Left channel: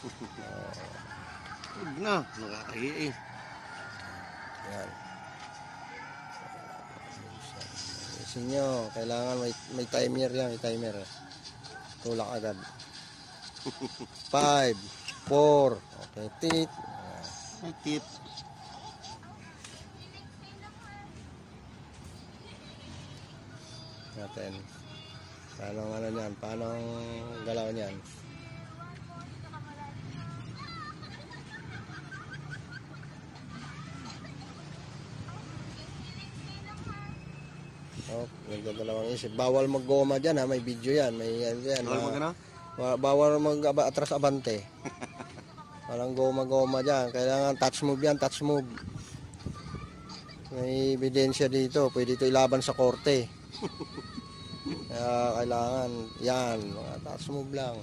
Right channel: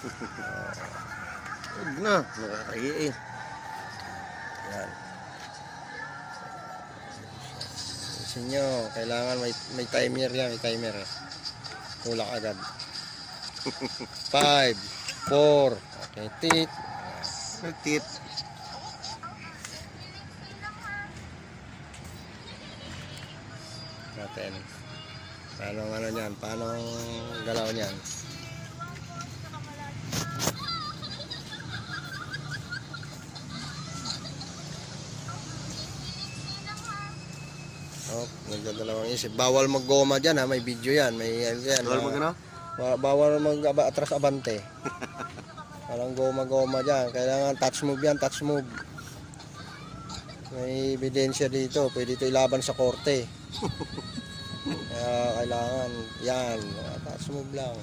Huwag na, nakakahiya eh. Yan. Gusto nyo, kailangan may timer yan, may timer eh. Tulak agad. 5, 4, okay, tit. Nagtit. Natin. Paano ano niyan? Paano galaw niyan? Oh, may dalawang isip. Bawal maggoma diyan ha, may video yan, may yan. Bawal mag ano? Bawal atras abante. Walang goma-goma diyan. Kailangan touch move yan, touch move. May ebidensya dito, pwede ito ilaban sa korte. Kaya kailangan yan, touch move lang.